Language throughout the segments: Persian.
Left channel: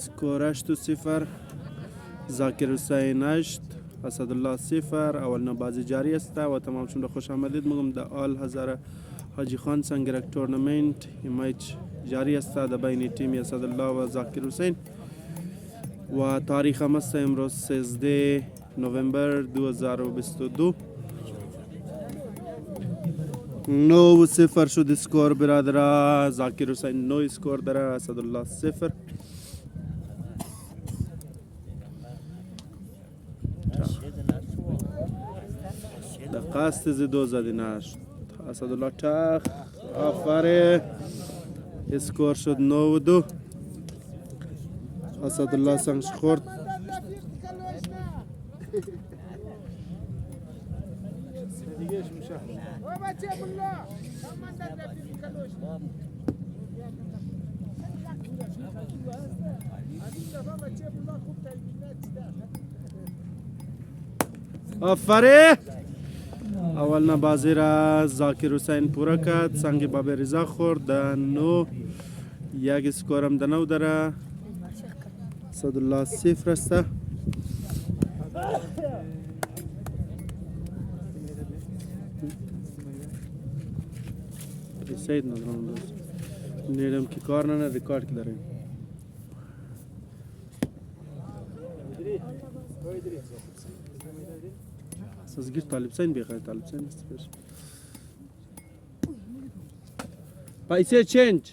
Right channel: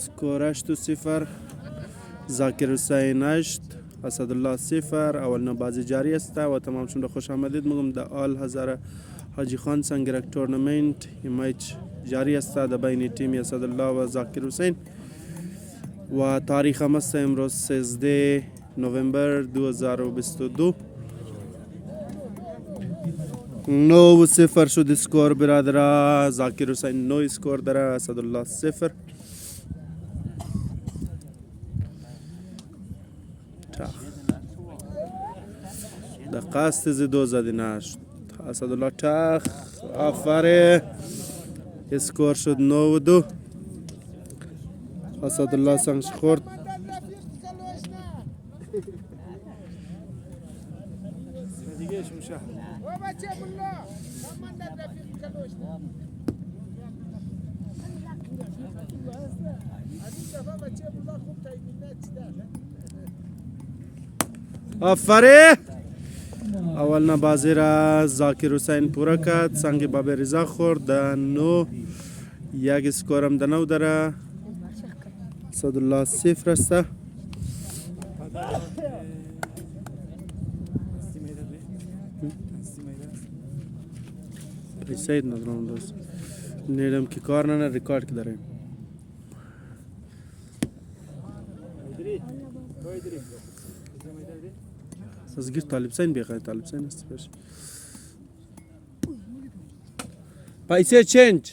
سکور 8-0. ذاکر حسین 8 اسدالله 0. اولین بازی جاری است و تمام شده. خوش آمدید میگم در آل هزار حاجی خان سنگرک تورنمنت میچ جاری است در بین تیم اسدالله و ذاکر حسین و تاریخ هم است امروز 13 نوامبر 2022. 9-0 شد سکور برادر. ذاکر حسین 9 سکور داره، اسدالله 0. در قصد زدو زدی نشد. اسدالله تخ آفره اسکور شد 9-2. اسدالله سنگش خورد. آفره اولنا بازی را ذاکر حسین پورا کرد. سنگ باب رضا خورد. 9 یک سکورم در 9 داره. اسدالله 0 است. سید ندارم دوست نیدم که کار نه ریکارد که داره. سازگیر طالب سین بیخواه. طالب سین است پیش پیسه چنج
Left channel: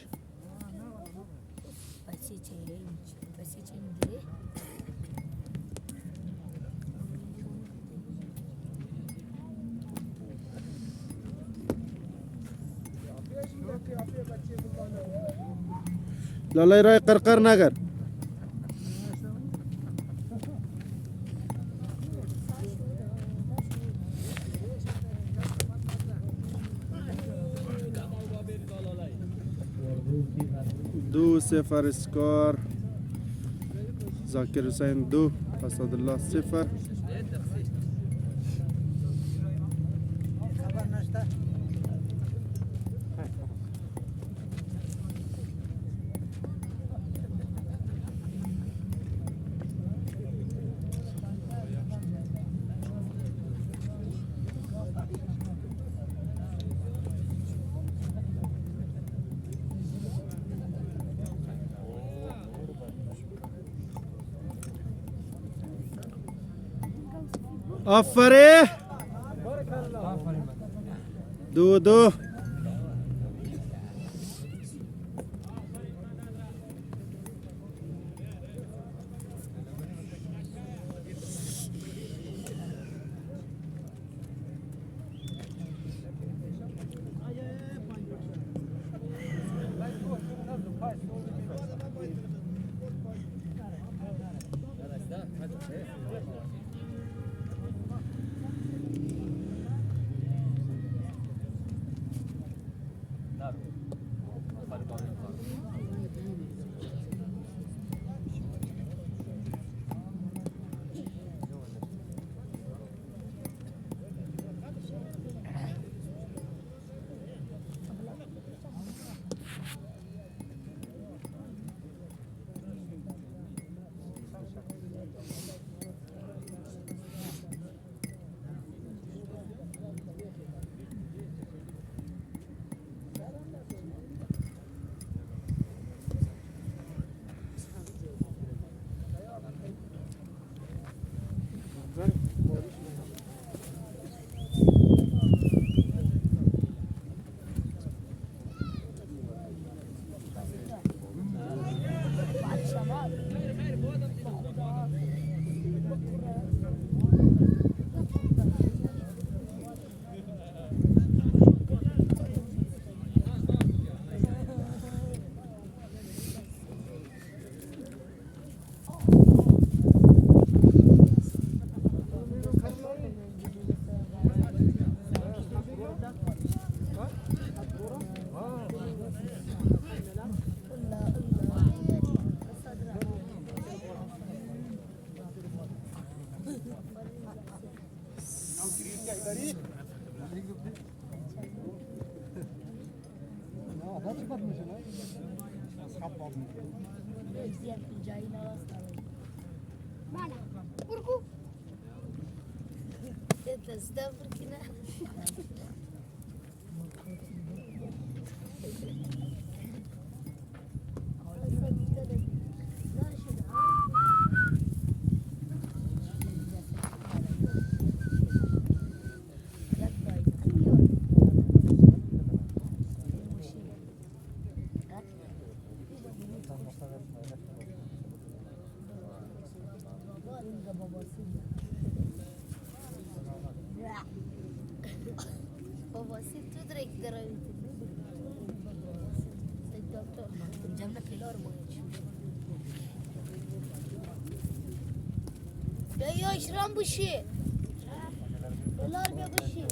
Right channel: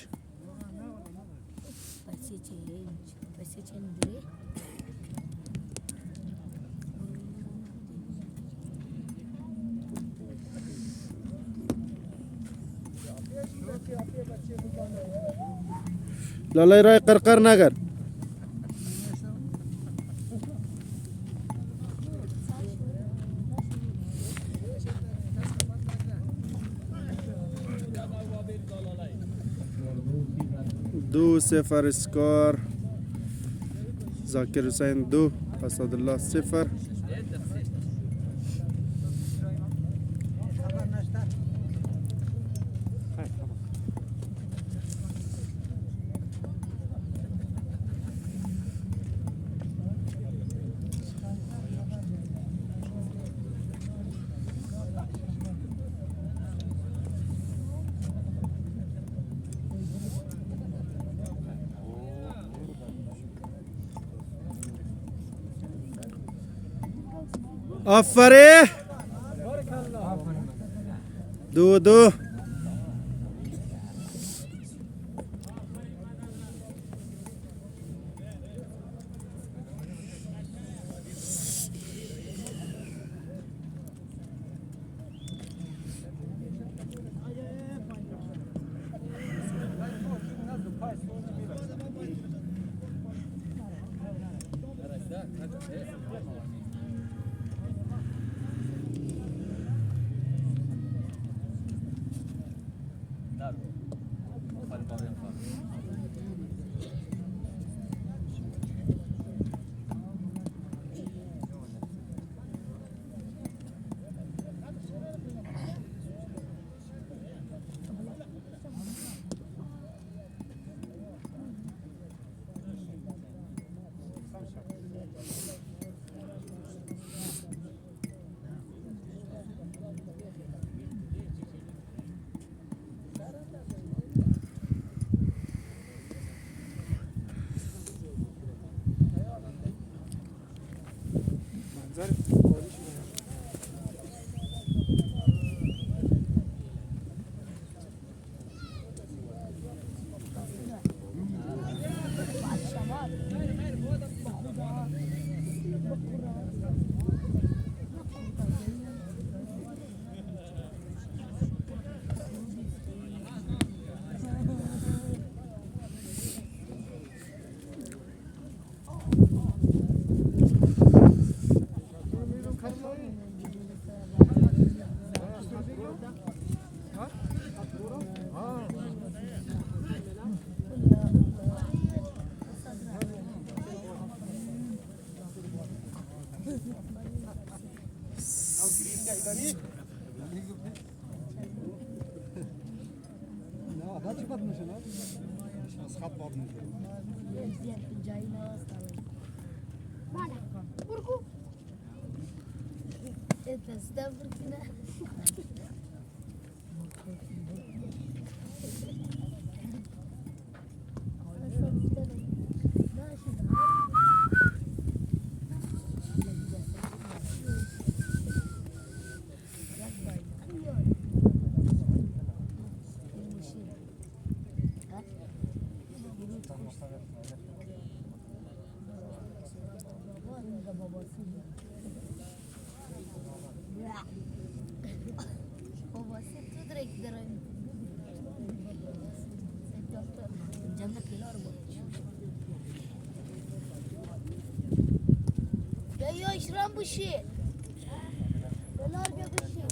لالای رای قرقر نگر. دو 0 سکور. ذاکر حسین 2 اسدالله 0. آفره 2-2. يشرب بشي ولا ابيض بشي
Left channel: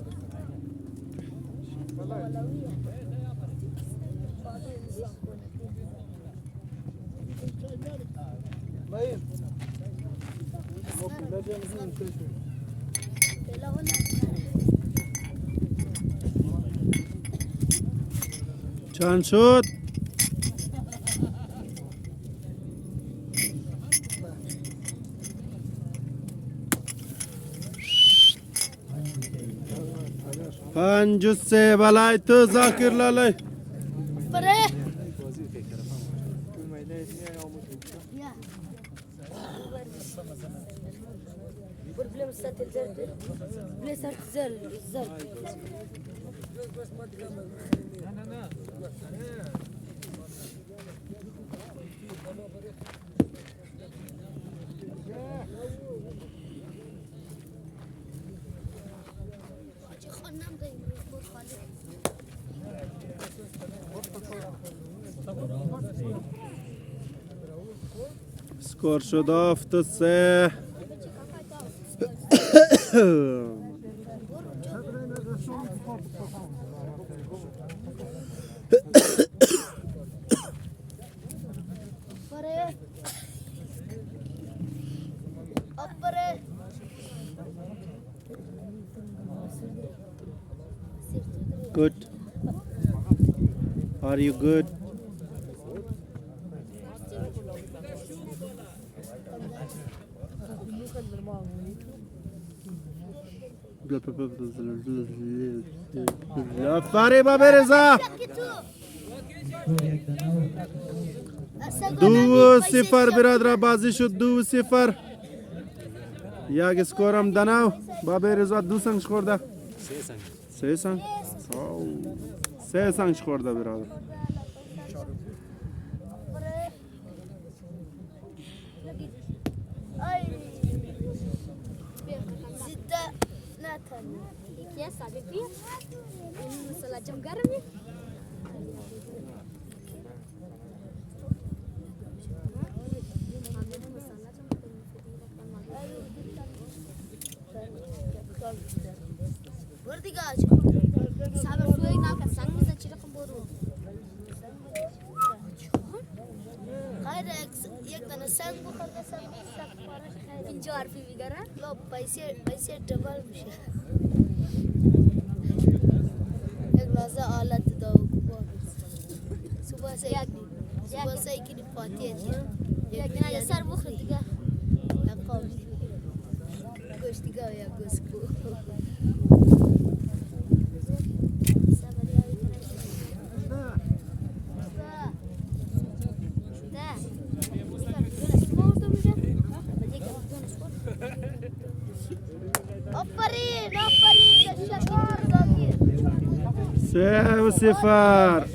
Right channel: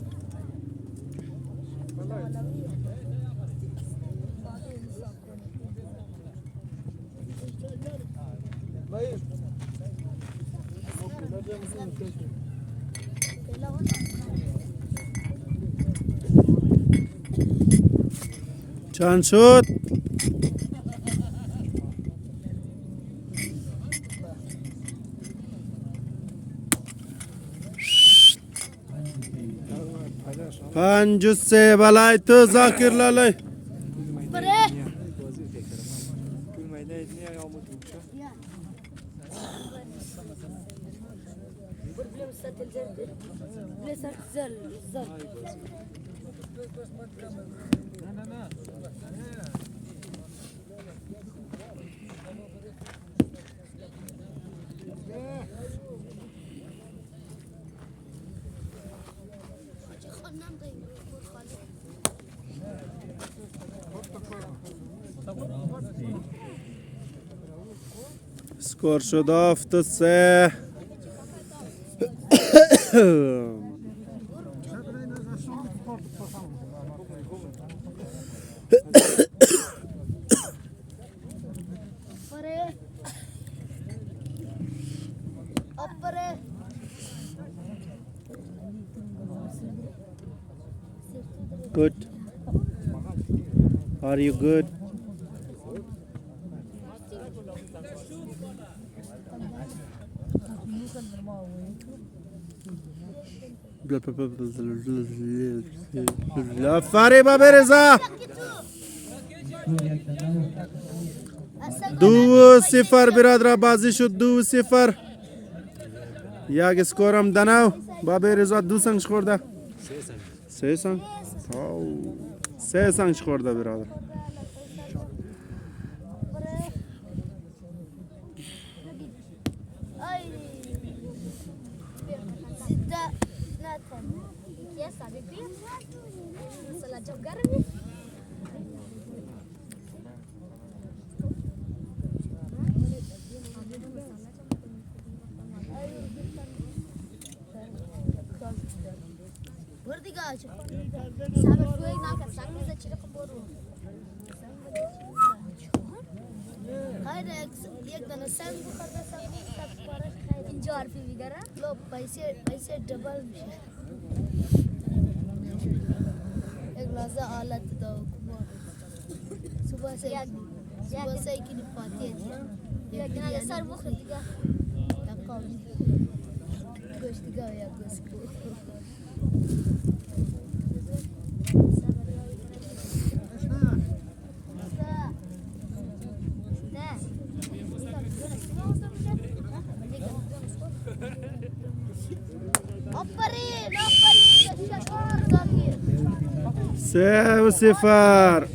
چند شد؟ پنج و سه بلای تو زاکر لالی بره سکور شد 7-3 Good. Are you good? فریبا برزا 2-0 برادر بازی شد 2-0 یک اسکورم دنو بابا رضا 2 سنج خورده 3 سنج 3 سنج خورده برادر पैसे डबल एक राजा आलत दो सुबह से एक ही पाती है ये सर वो खरीदा गोश्त का या गोश्त को سه و صفر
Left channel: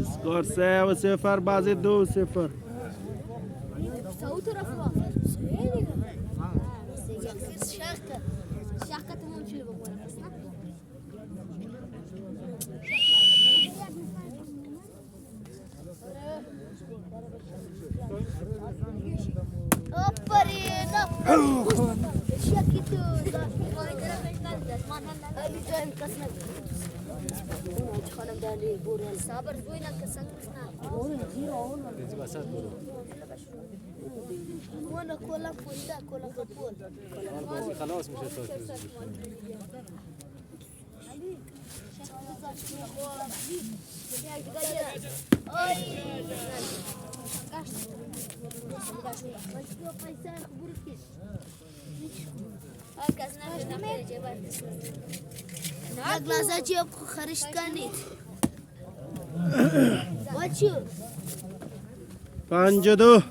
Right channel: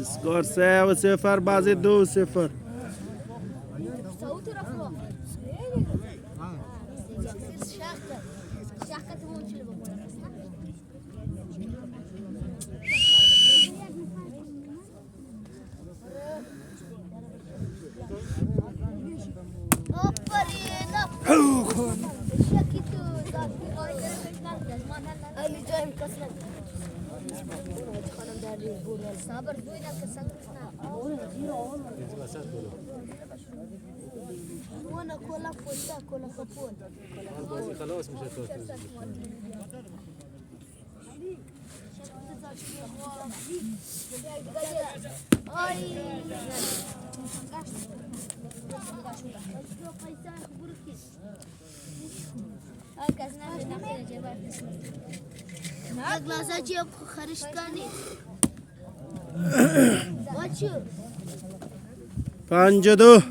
اسکور 3-0 بازی 2-0 خلاص مش هتوقف یک لحظه چی خرش کنید بچو 52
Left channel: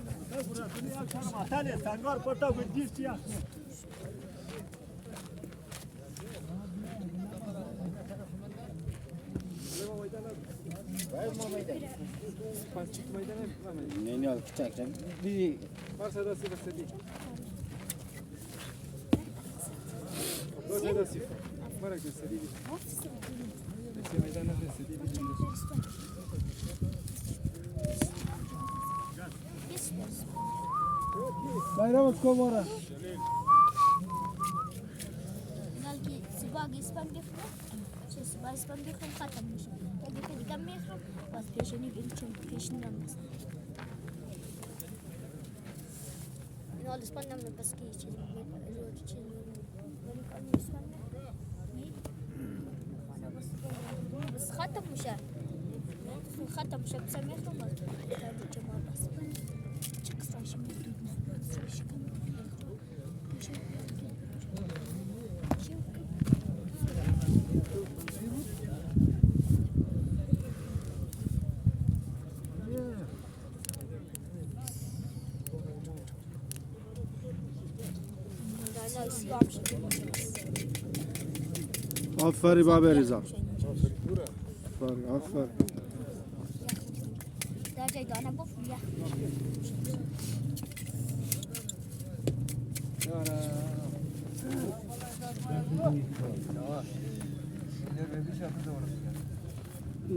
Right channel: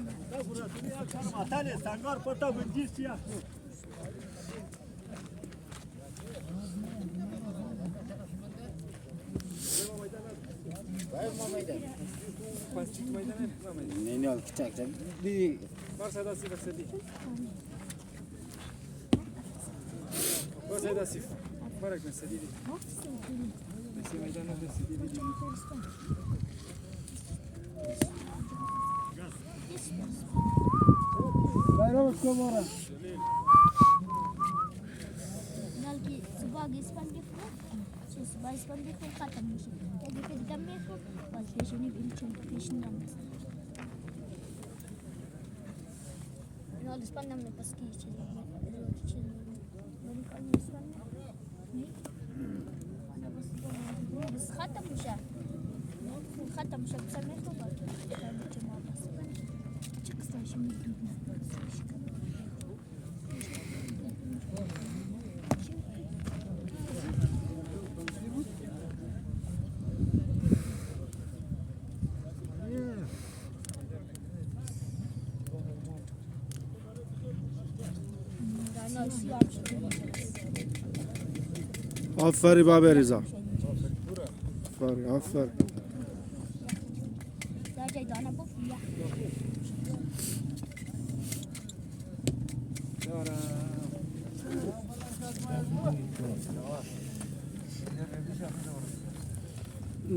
Bayram کو مورا نالكي سباق اسبان ديفرو سباق اسبان ديفرو ختم مش كده كده دم يخرج بس بيشني بيلشن بيشني نمس نال اسبان نم بس كي چیز روز چیز من كان اسبان بس ختم مش ختم مش بس يخرج آفری باب رضا آفر ده جاي ده انا بفيا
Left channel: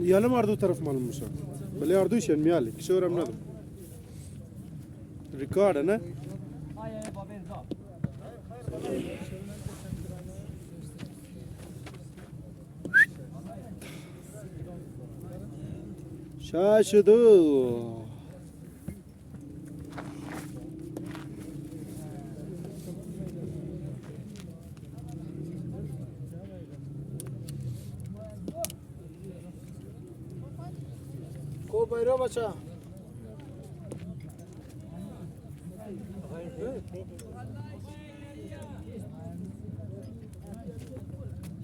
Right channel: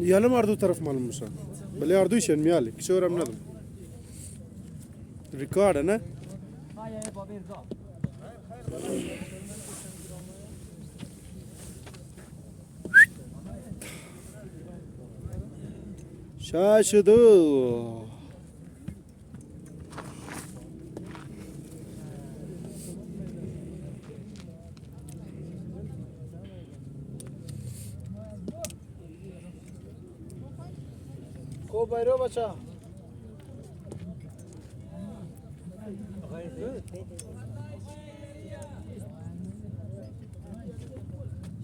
Yanım ardu taraf malummuş. Böyle ardu işen miyalik. Şu öğrenmedim. Record ne? Şaşıdı. کو bayram acha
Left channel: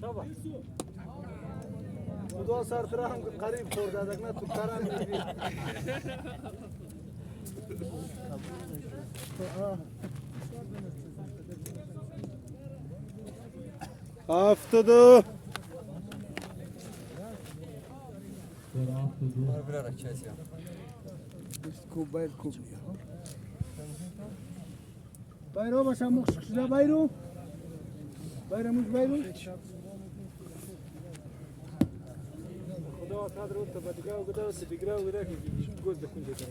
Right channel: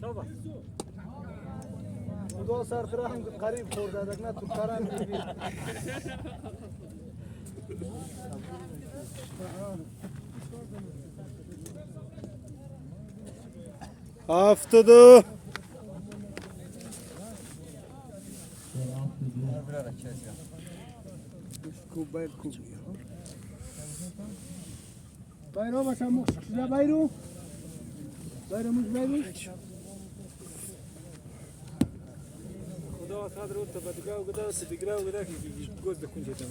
شابه دو سر تر هم قریب خورده دک نه تو کرام میگی Haftada. bayram acha muxşida bayram bayramımız bayram خدا قدر او تبدیگاه و گذار سدیگراه و گذار که گوز بکن جدا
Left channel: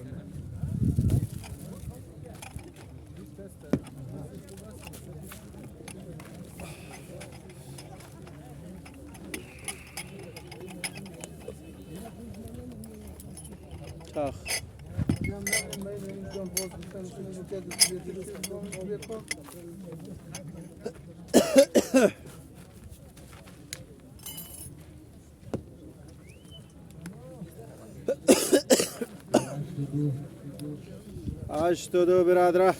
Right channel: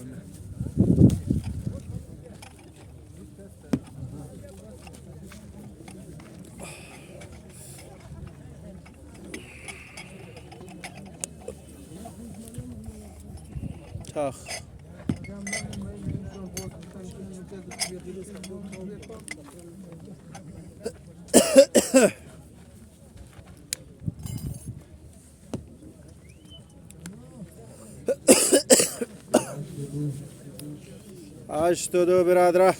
Kah. Açtı biradra.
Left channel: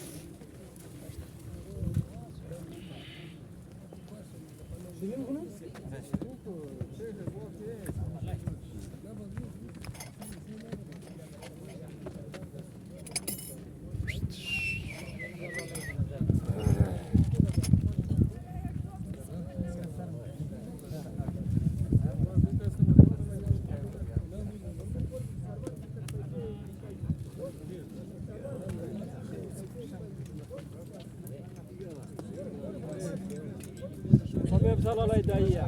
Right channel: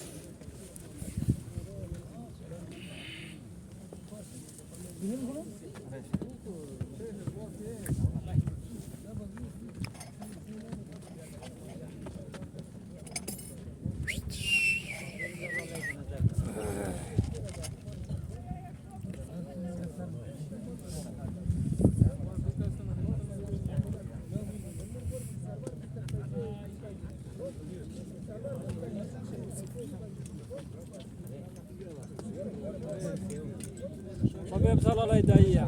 مگه امسال علای دایی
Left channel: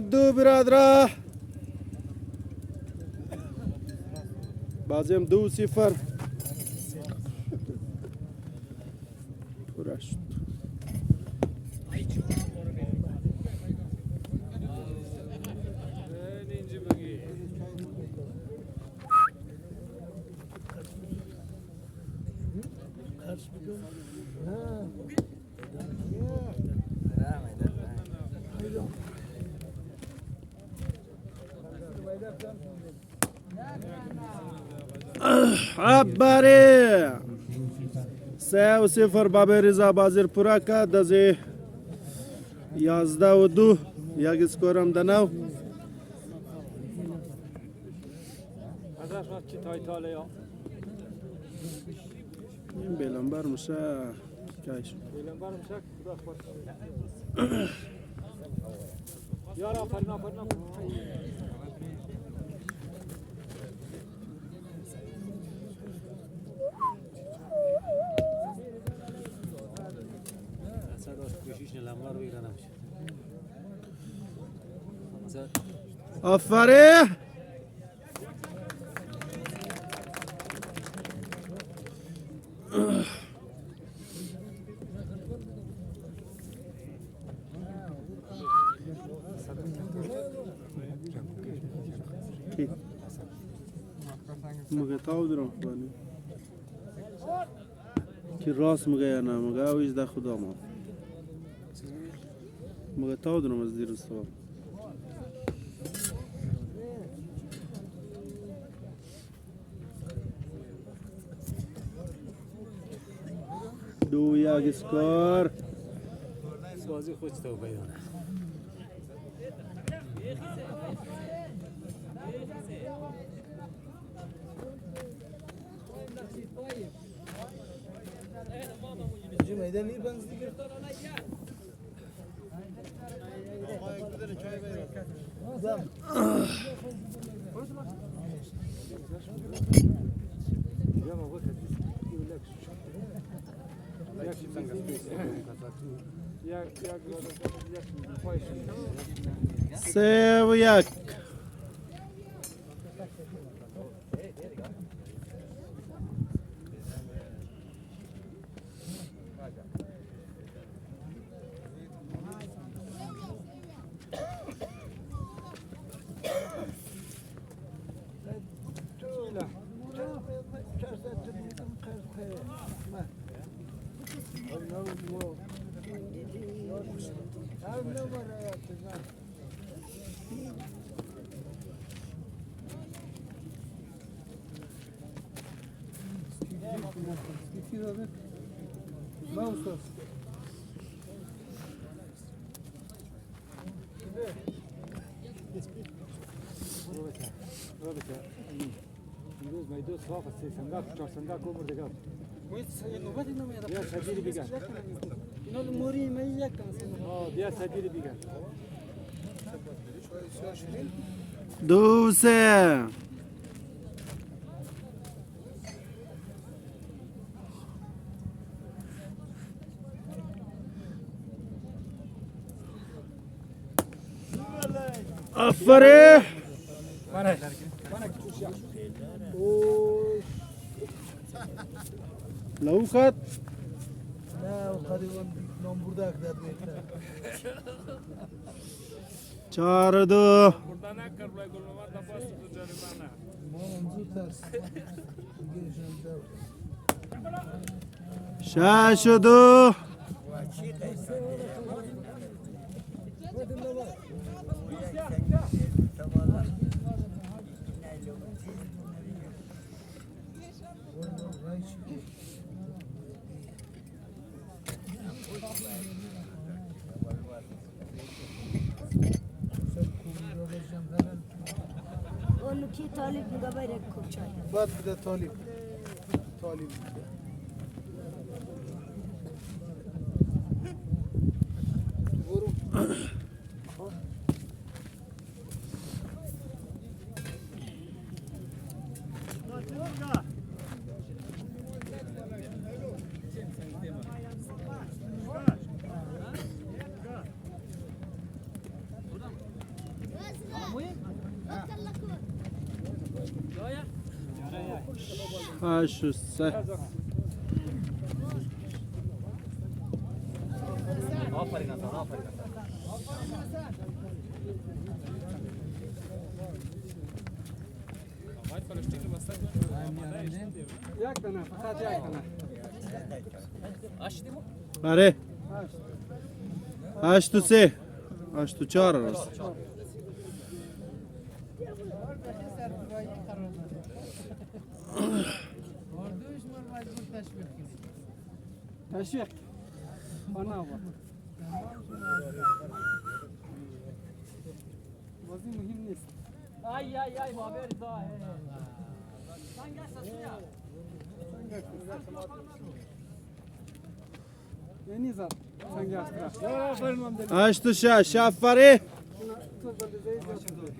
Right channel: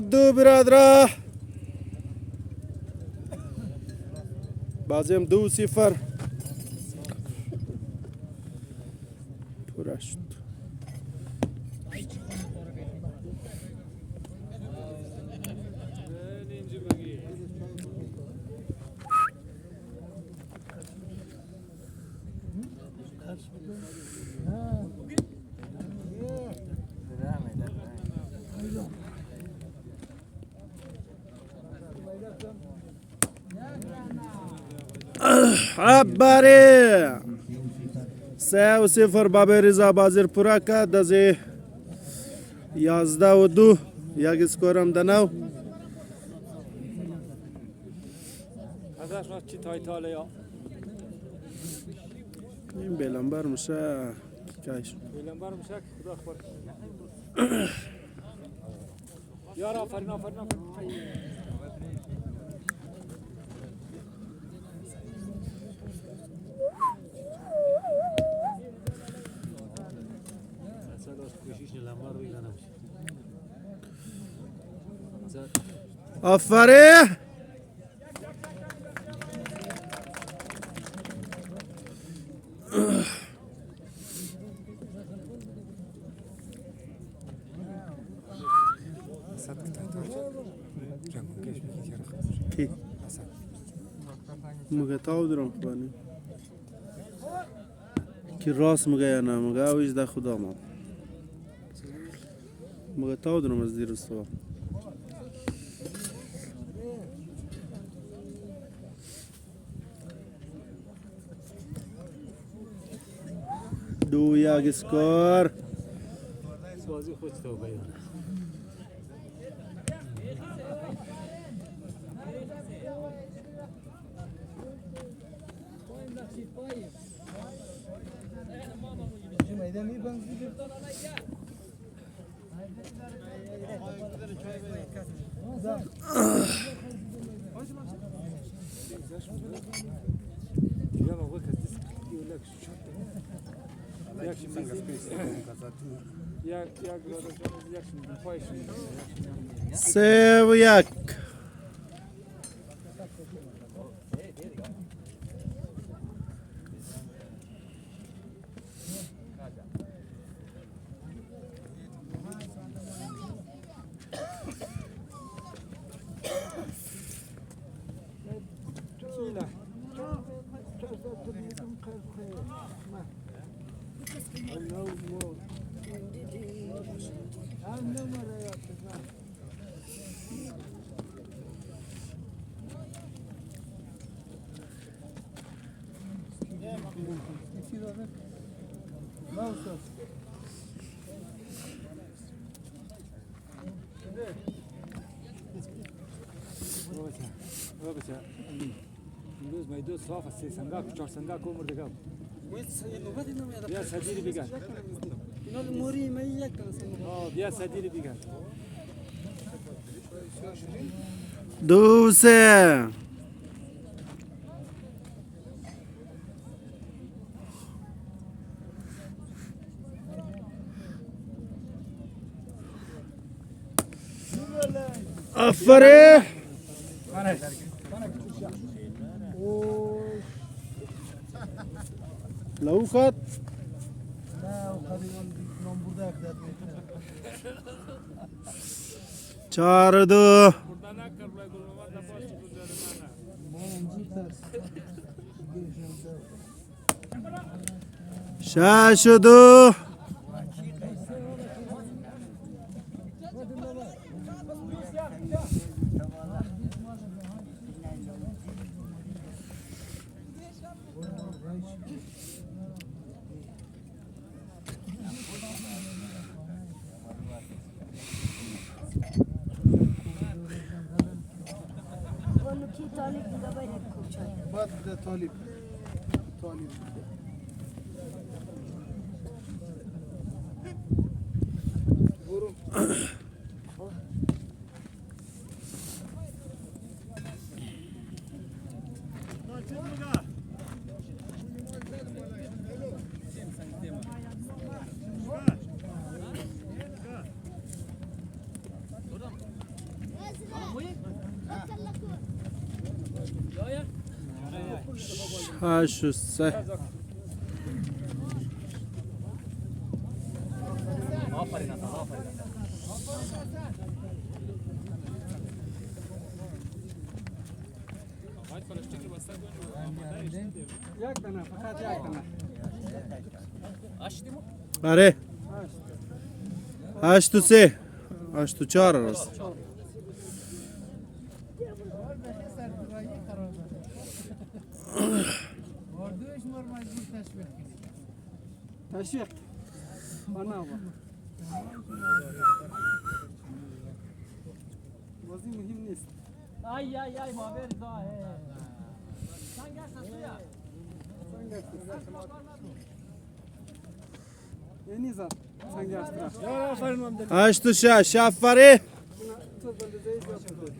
دو برادرا بازیم 2-0 پورشت آفرین 3-0 بابی رضا بازی پورا کرد از 11-2 یک اسکور هم دنو ازش ما چی تایتاله یا این بیلنبر میشه کاش بیلنبر میشه که خدا خبر یار آفرین آفرین کی مگه تاو درم خبانی کی راست مگه یا نه مگه اویش ده خدا ما مگه تاو درم از دیر استوار 2-1 اسکور بازی خوش تو بیان سه و یک امروز میدو صاف است صندوق 4 صندوق عمر دیگه بیا سجیری بگن اینا موری من یک تنسیم بیا سجیری بگن 2-3 آفرین لو خط چار دو شش و دو کی طالب بگه باید کوچای بعد بده طالب برو شش و سه یک تنه فقط یک تنه آره 8 و 3 8 و 4 راست تشویق خانه با بازی مهم نیست آی آی آی بابر دا یعنی زد سنگ استرا 8 و 6 آفرین. تو بندازی زیاد شده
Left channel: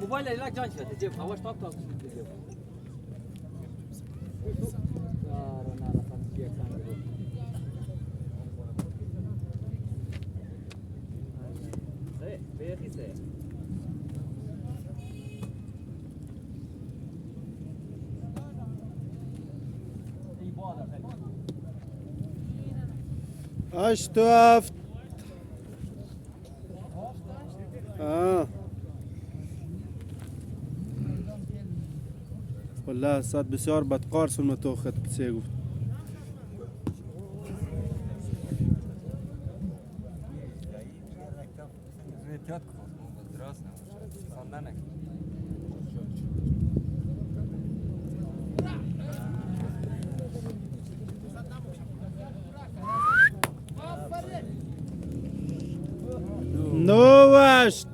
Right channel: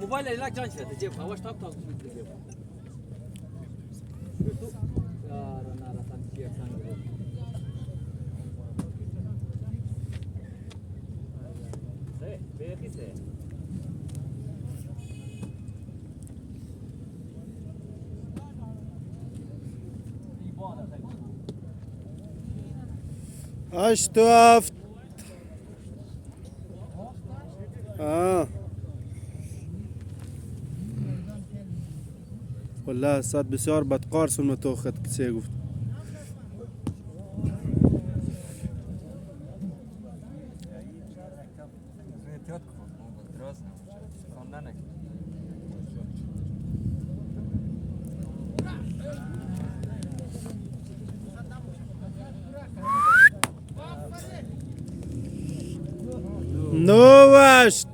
موبایل لا جان شده جیب خواهش تاپ تاپ یار نارا سان جیب سانگ سه 8 و 7. والله صاد بسیار بدقار سلم تو خط کسی گفت نوشت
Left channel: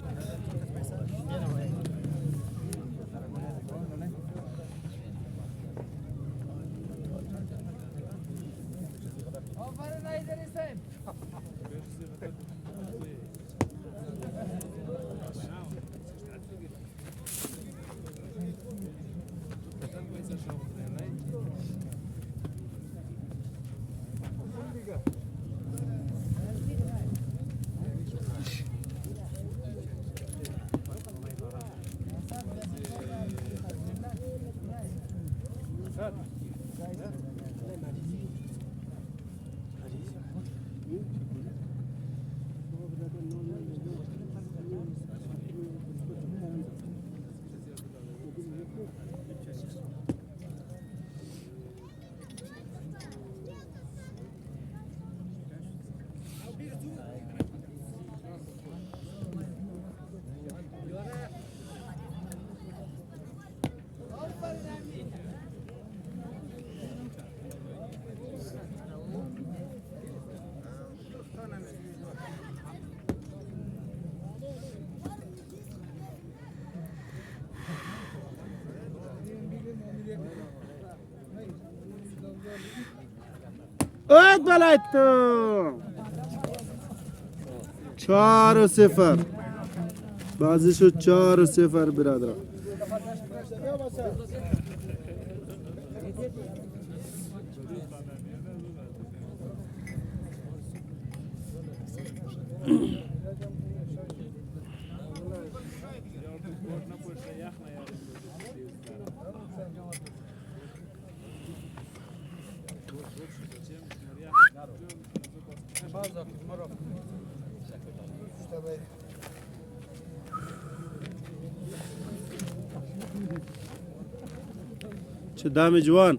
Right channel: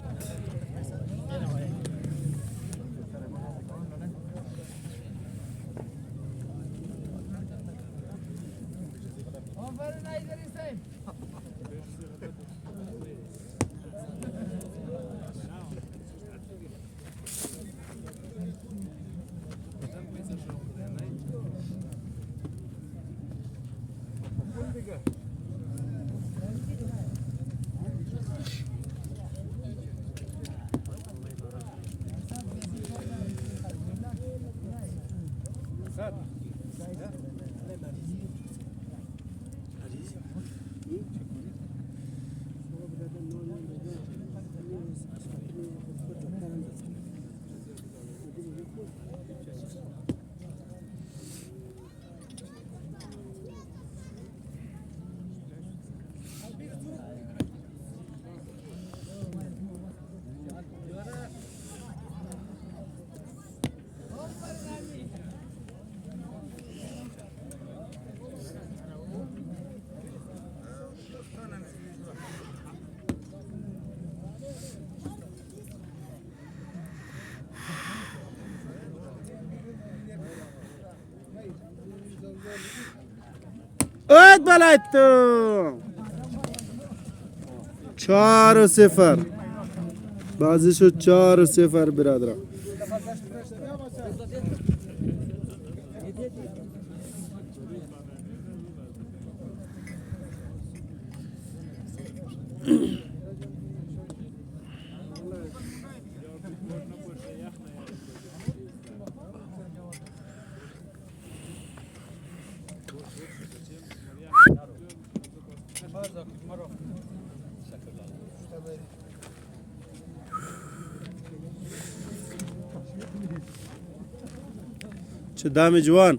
اد بلد تو 4-0 بازی شد 4-0 برادران. چه دم جوان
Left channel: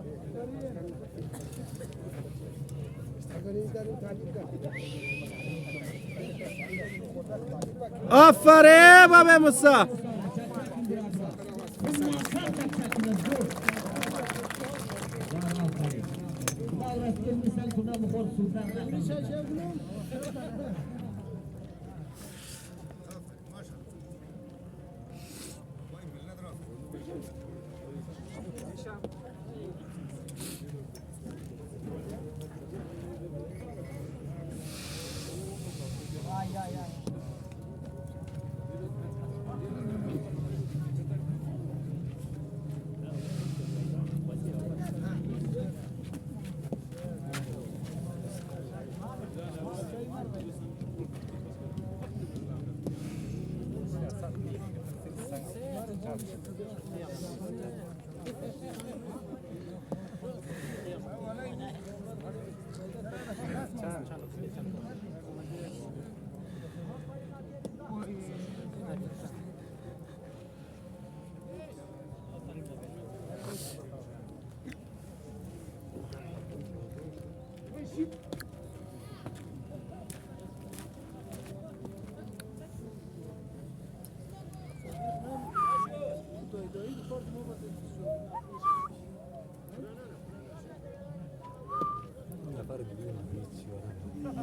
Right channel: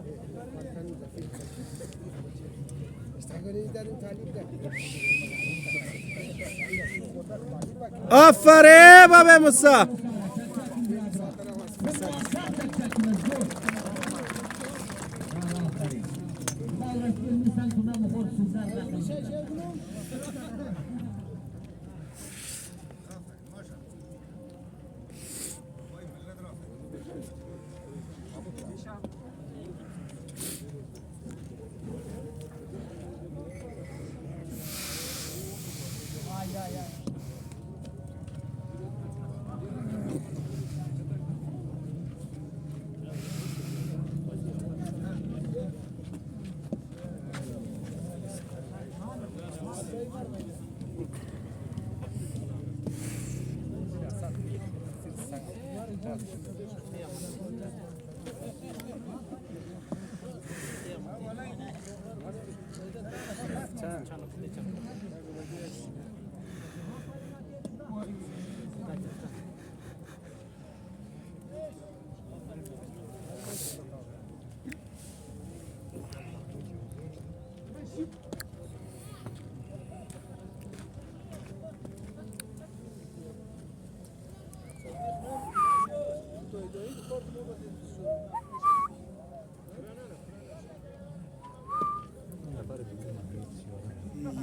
آفرین بابا موسی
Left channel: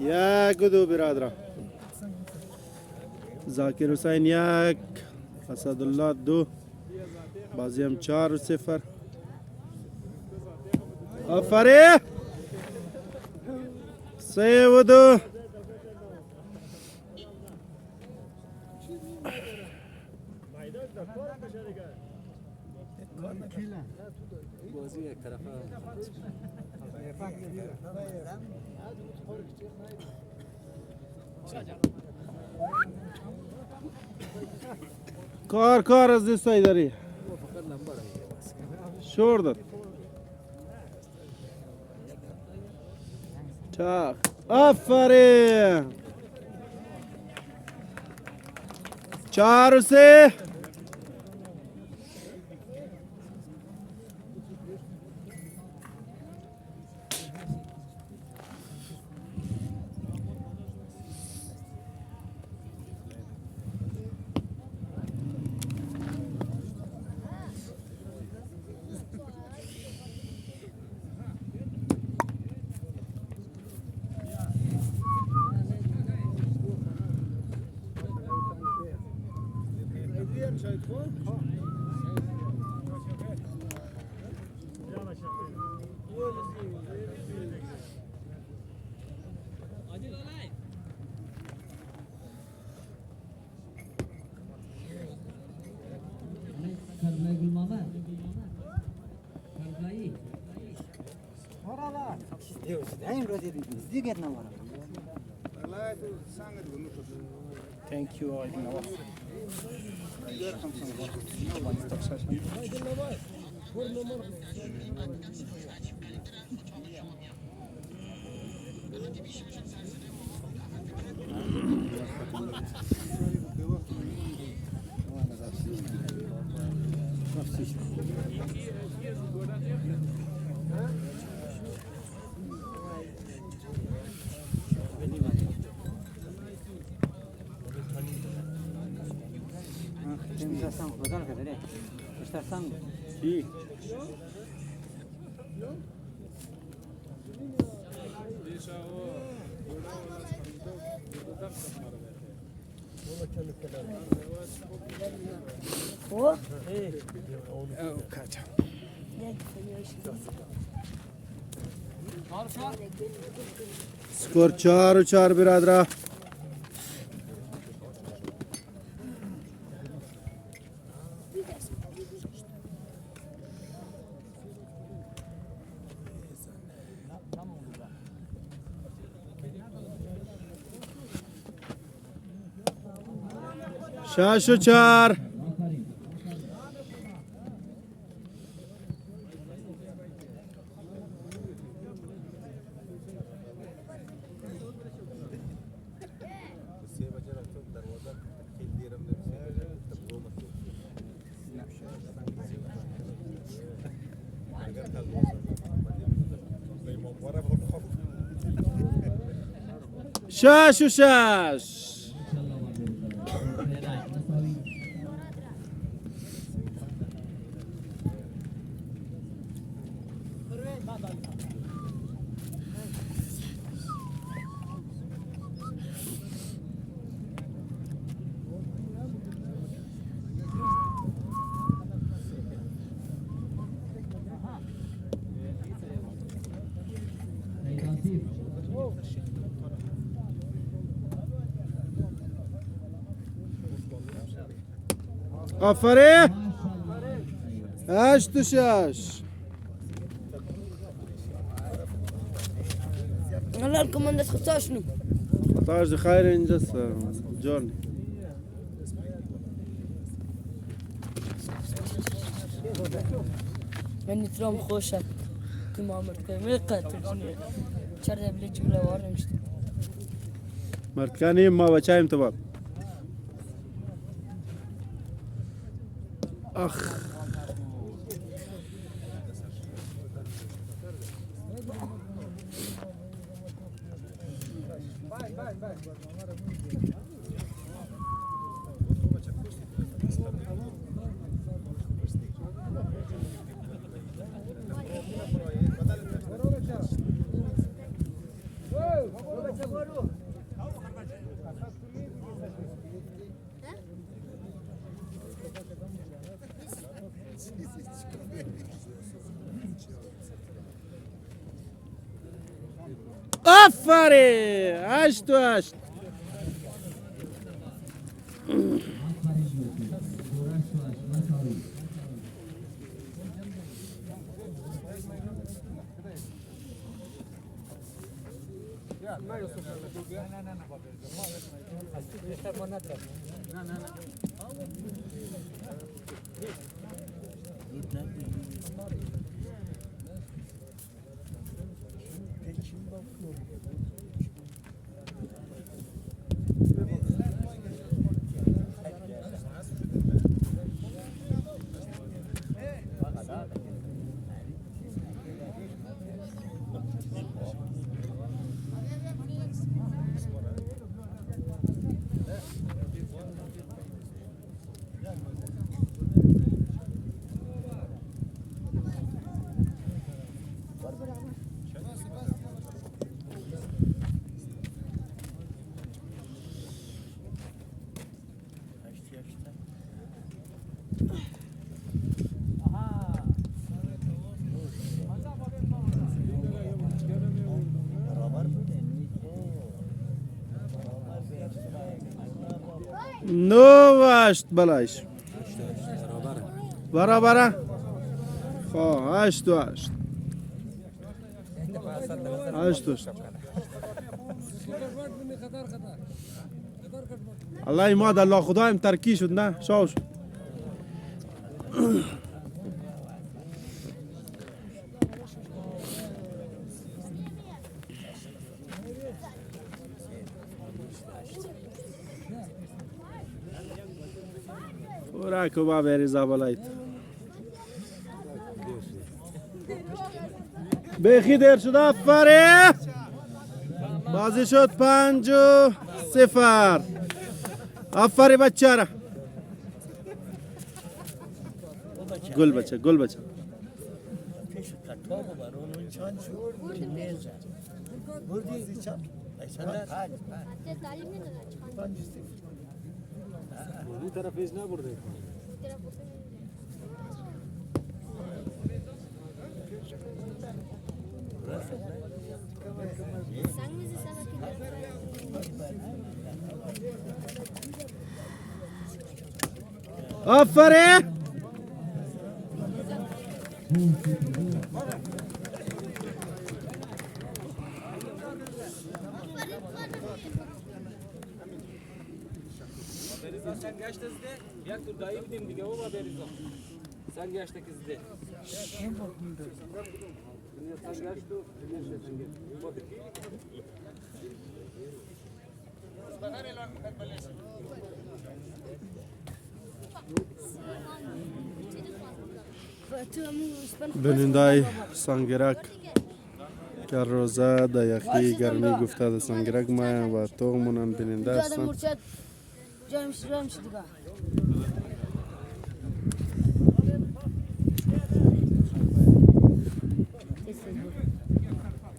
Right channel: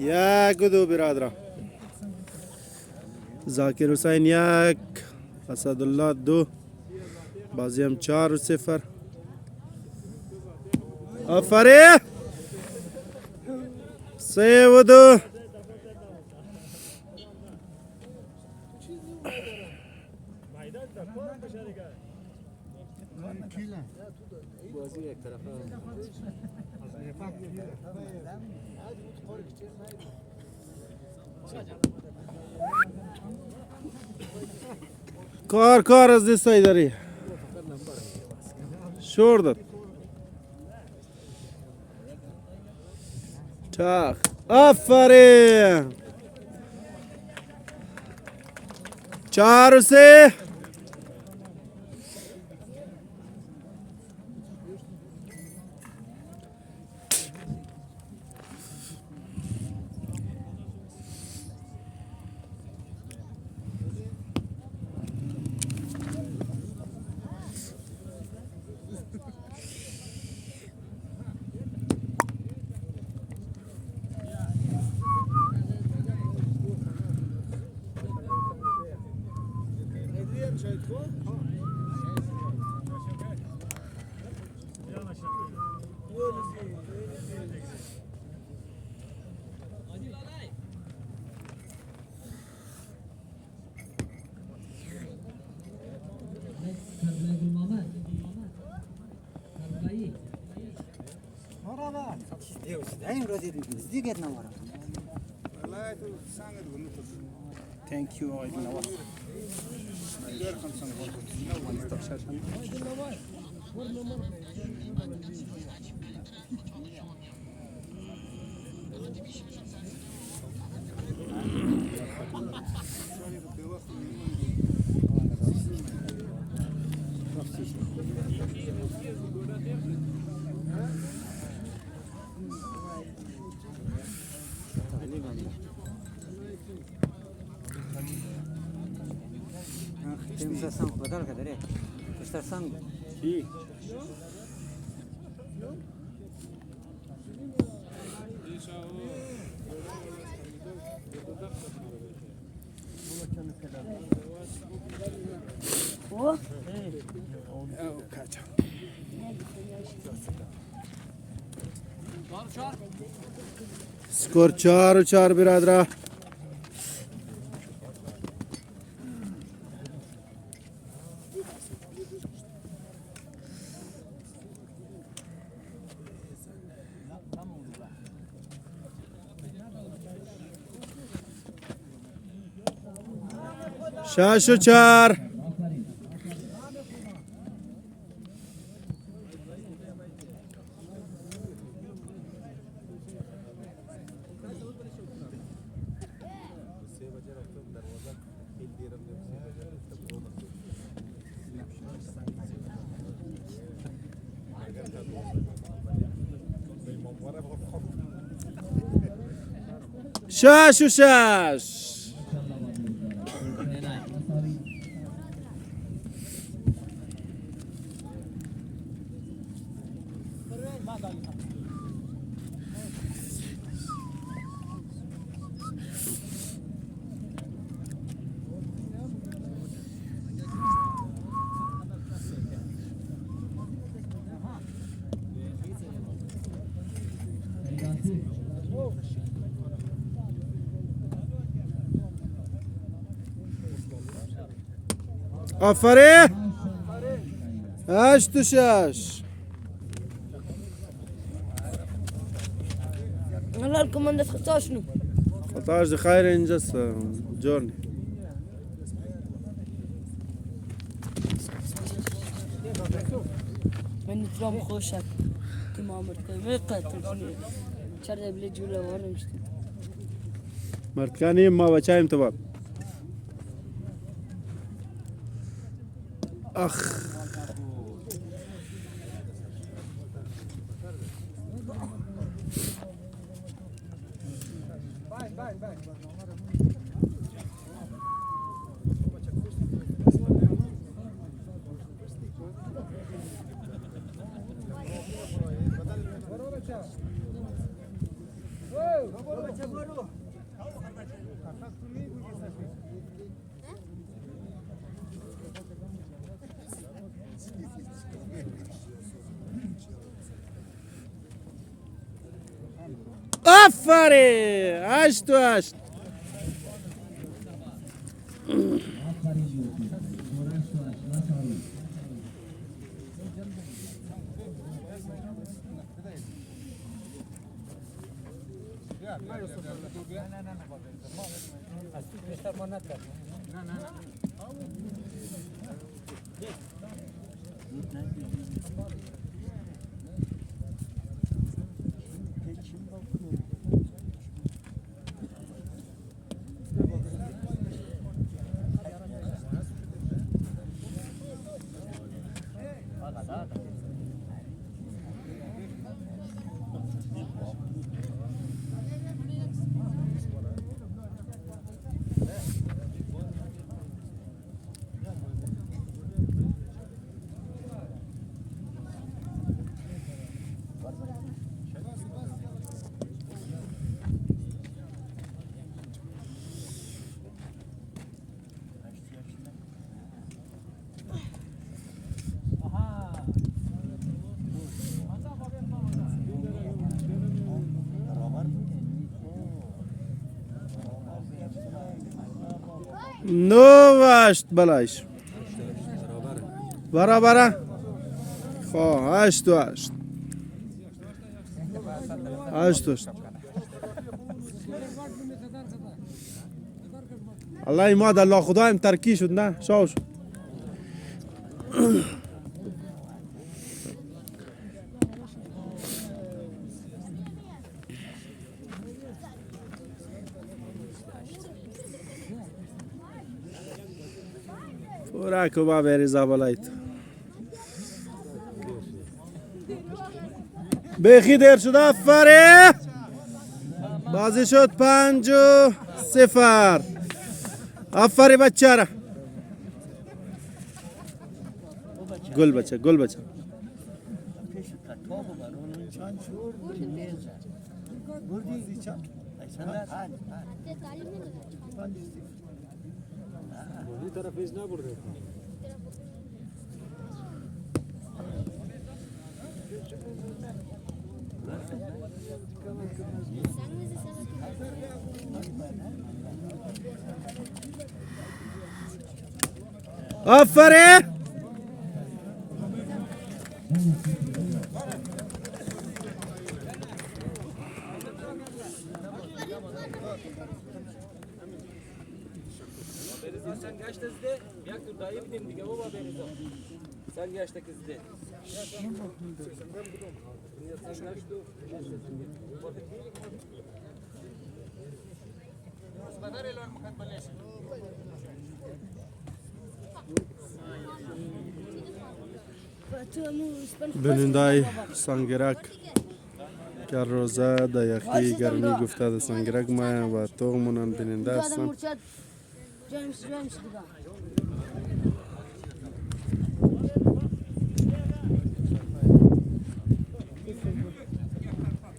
یک و دو برادر. ذاکر حسین یک، اسدالله دو. بازی هم 4-0. آفرین. 3-2. کار از دستای داری شور داد چاخ. آفرین. 4-3. Thank you. I know. کی؟ سکور 4-4 برادر. شش و 4. شش و 6. آفرین. 8 و 6. هلا الكوماندة تختاشنو تاج خير انجز جون. من نترام خوشك محمد كامل قاتل چرا بلی جوله وار نمیشته مرکانی ما بچایم تو باب اخ آفرین 8 و 8 9 و 8 بلاش برابره خب 8 و 8 8 و 8 الله ما ده الله خدایم ترکی شد نه شاوش راکو با بریزا بالایت بخی دیر شده افره بازی شد 5-0 افری بچه را گل بچه گل بچه Bu taraf biz ne burada? آفرین Sen kaçta izle? Ya dayı bildim dige o haberi yok. Sen kaçta izle? Sen kaçta? بنندای سانگرک که روزه در یخی گرمی گفته در سانگرک ما و تومونن بننده هستن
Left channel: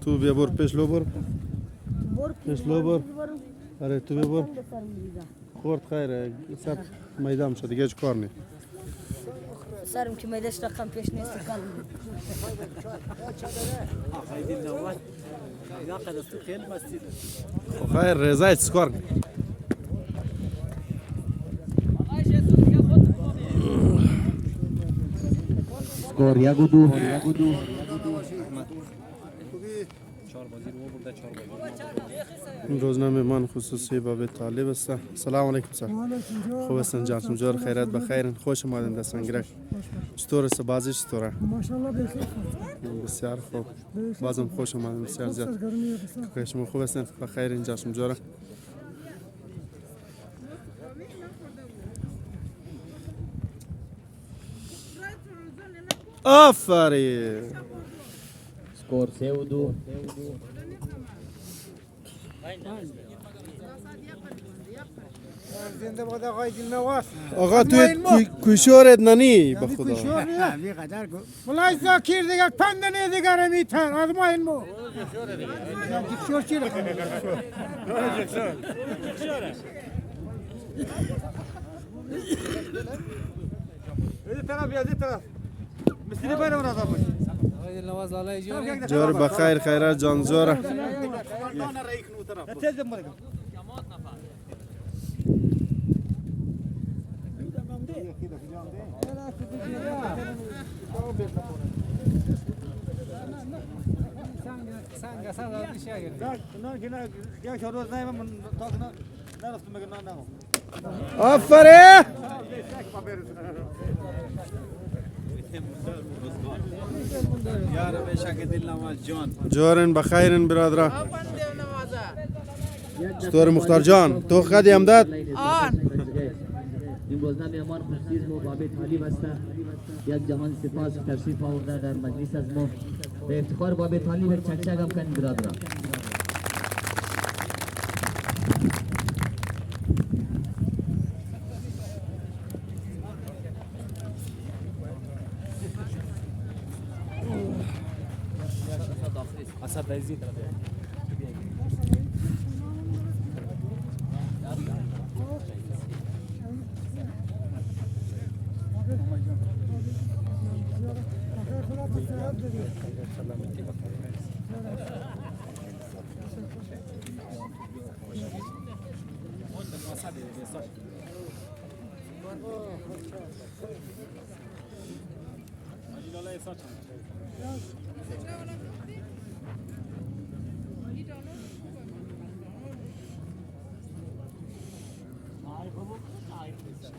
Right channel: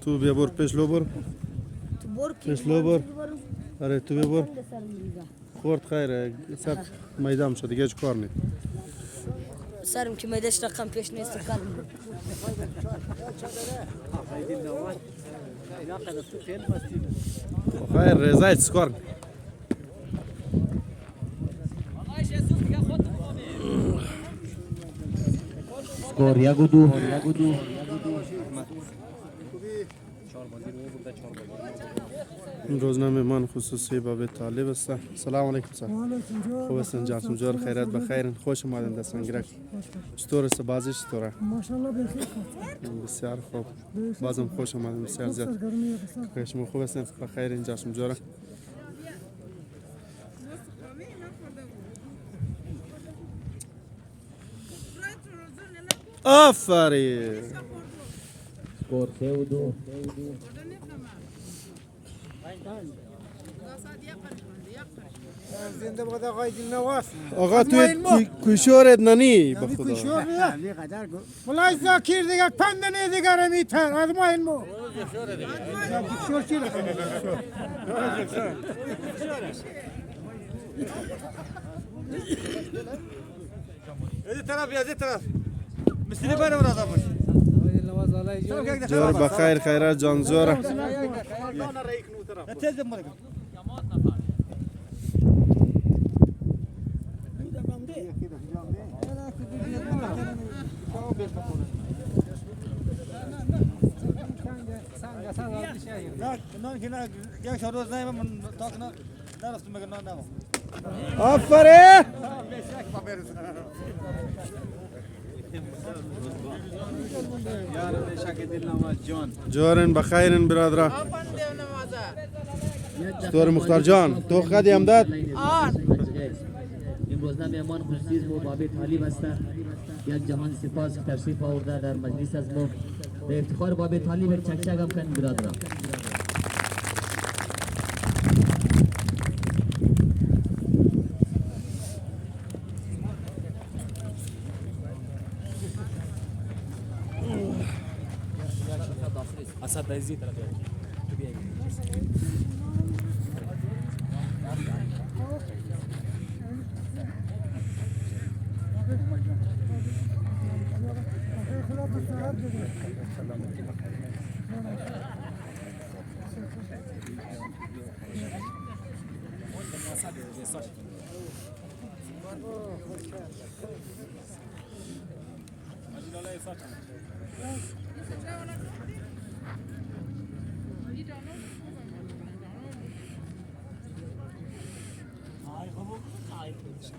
تو بیا بر پیش لو بر پیش لو بر آره تو بیا بر خورد خیره سر میدم شد دیگه هیچ کار نی سرم که میدهش رقم پیش نیست کلم خیر رضایت سکار نی Skor Yagudu. روزنامه من خصوصی باب طالب است. سلام علیکم سر. خوب هستین جان؟ جور خیرات بخیر. خوش اومدین در سنگرک. چطور است بازی چطوره؟ ماشاءالله بسیار بسیار خوب. بازم خوش اومدین بسیار زیاد. شما خوب هستین بخیر اینجا جوره. آفرین. Skor 3-2. زنده باد آقای دلنواز. آقا تو کوشورت ننی به خدا. کوشور نه. والله زاکیر دیگه پندنه دیگه رو میتر. از ما این مو. کوشور چی رو کنه؟ از طرف از طرف. مثلی باید من آزاد باشه. جور بخیر خیرات جان جوره. آفرین. جورن بخیرن برادران. چطور مختار جان؟ تو خدی امداد؟ این روزنامه مهمان خصوصی ما باب طالب هستند. یک جهان سپاس تشریف آورده در مجلس از ما به افتخار باب طالب چکچک هم کن برادران. اسد دزی طرف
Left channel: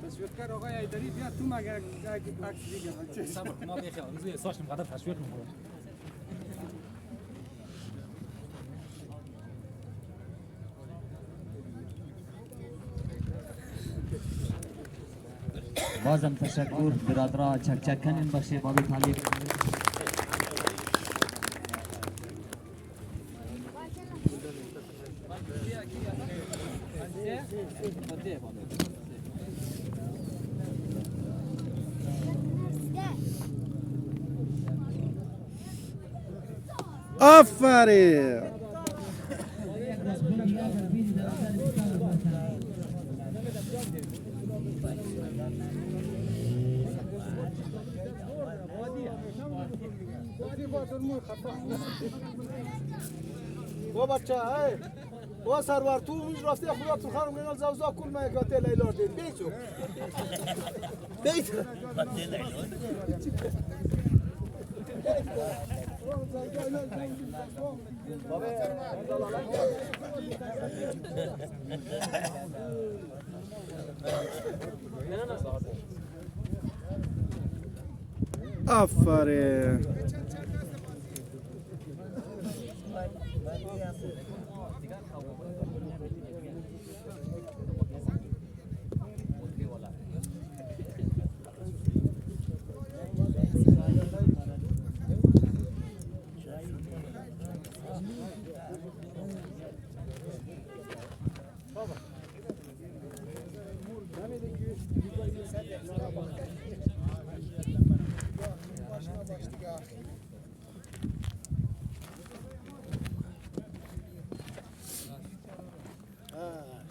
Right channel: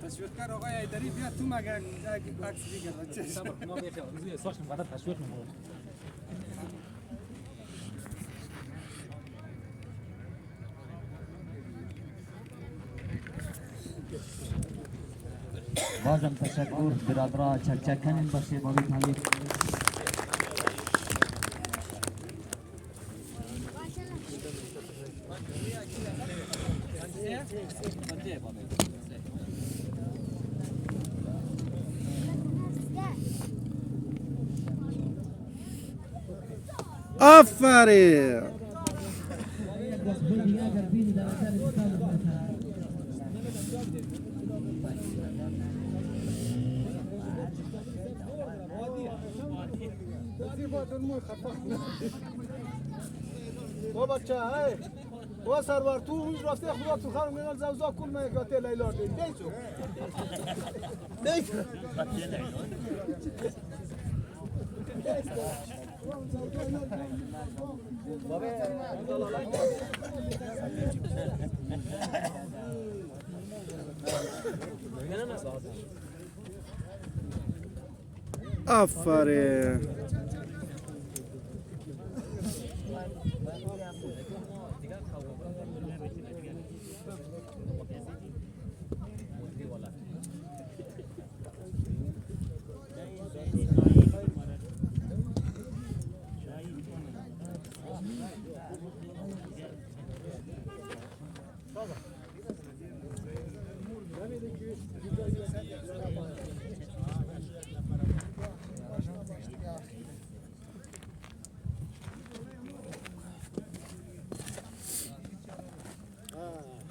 تشویقگر آقای ایدری بیا تو مگه باکس دیگه. ما بخیر روی ساش مقدار تشویق می‌کنم. بازم تشکر برادران چکچک کنین بخشی باب طالب. آفرین. تو بچه های و سرور تو اونج راسته خدا تو خانم میرن زوزا کل ما یک تل ایلار دید بیچو بیچو آفرین.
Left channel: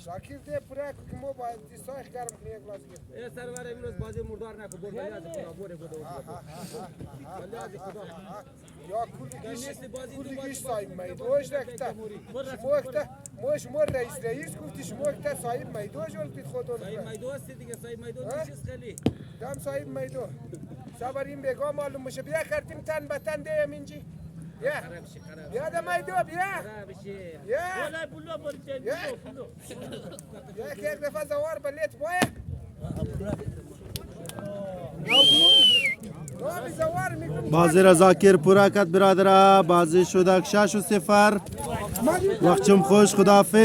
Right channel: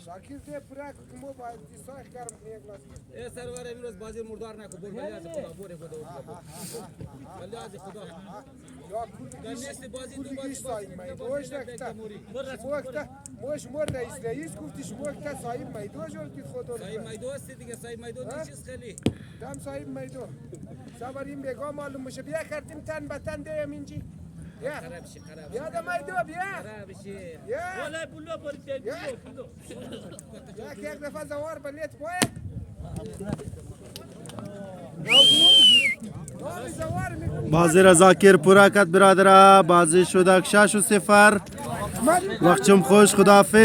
شاکر ده پورا که ما باید دیسایش کردم کنیم ای سرور امروز بازی مردار نکن بول ولی از خدا بوره خدا ولی از خدا یا کلی گیش سایب میدوش نکته شما رئیس گفتی شما که سایب میدوش ولید خدا سایب میدو است دیگه سایب میدو چیز خیلی دم سایب میدو سواریم بگاه معلوم میشه بیا کردیم تن به تن دیم اینجی بیا بیا ده میدو بیا بیا بیا که یک دفعه زوار بلیت باید بازی را زاکر پورا کرد برادر. بازی شده 6-0. وقتم خوش. خداحافظ.